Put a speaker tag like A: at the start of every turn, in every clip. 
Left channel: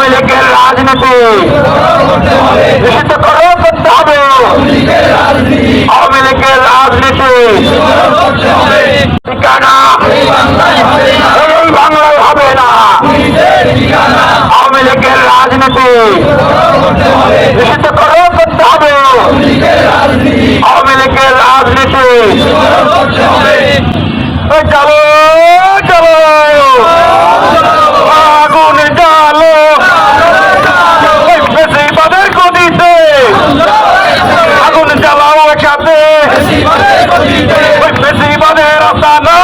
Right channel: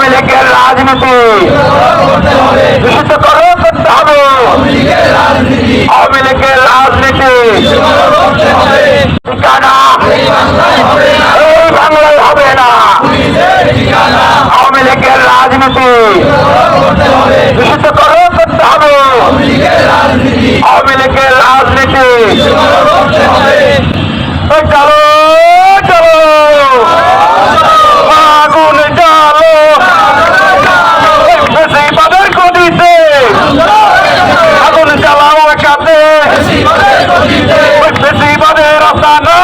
A: আওয়ামী লীগের রাজনীতি। নিষিদ্ধ করে করতে হবে আওয়ামী লীগের রাজনীতি। ঠিকানা? এই বাংলায় হবে না। আওয়ামী লীগের রাজনীতি। নিষিদ্ধ করে করতে হবে আওয়ামী লীগের রাজনীতি ওই চলো চলো আগুন জ্বালো ওই ফেসিবাদের গদিতে আগুন জ্বালাও একসাথে ওই ফেসিবাদের আসানা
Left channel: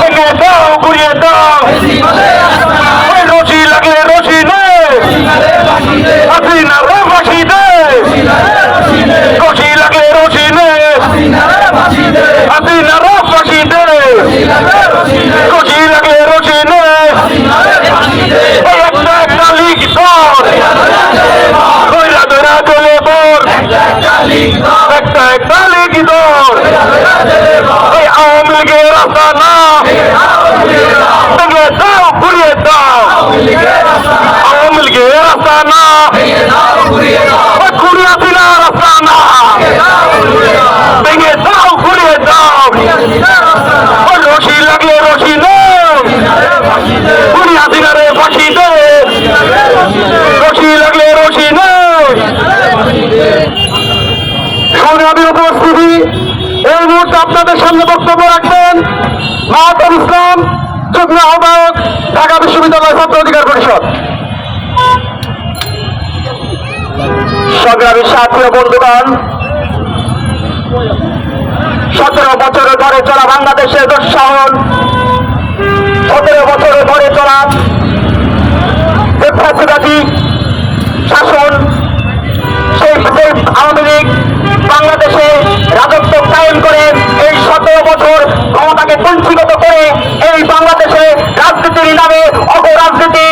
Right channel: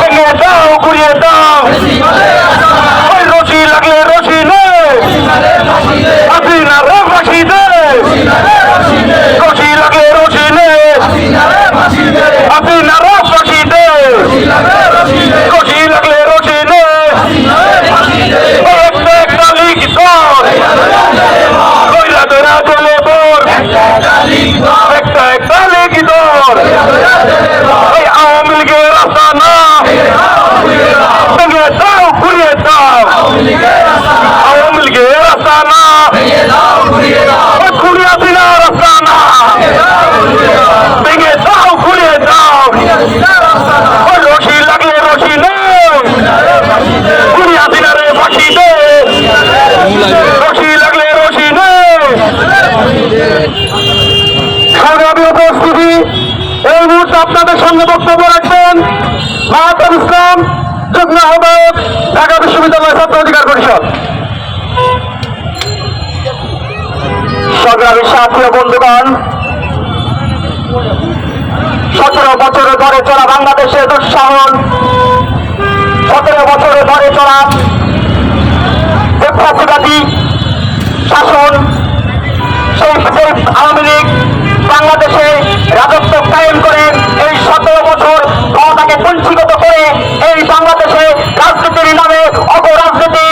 A: ভেঙে দাও ঘুরিয়ে দাও ওই রশি লাগলে রশি নে হাসিনা রাম ফাঁসি দে রশি লাগলে রশি নে হাসিনা রাম ফাঁসি দে রশি লাগলে রশি নে এই একটা একটা লিখ ধর ধৈরা ধৈরা চলে তোর একটা একটা লিখ ধর এই আওয়ামী লীগের রাস্তা না ভেঙে দাও ঘুরিয়ে দাও আওয়ামী লীগের রাস্তা না রশি লাগলে রশি নেই ঘুরে আসি না রে ফাঁসি দে রশি লাগলে রশি সংগ্রামী উপস্থিতি এই মুহূর্তে আপনাদের সঙ্গে বক্তব্য রাখবেন মাহাতার ইসলাম ঢাকা বিশ্ববিদ্যালয় ছাত্র অধিকার পরিষদ সংগ্রামী বন্ধুগণ, সতেরো বছর ধরে চলা বাংলাদেশের দুঃসাহন, সতেরো বছর ধরে চলা শাসন, সেই আওয়ামী লীগ বাংলাদেশে রাজত্ব কায়েম করে এই সতেরো বছর ক্ষমতাকে বঞ্চিত করে এই বাংলাদেশে রাজনীতির নামে অপরাজনীতি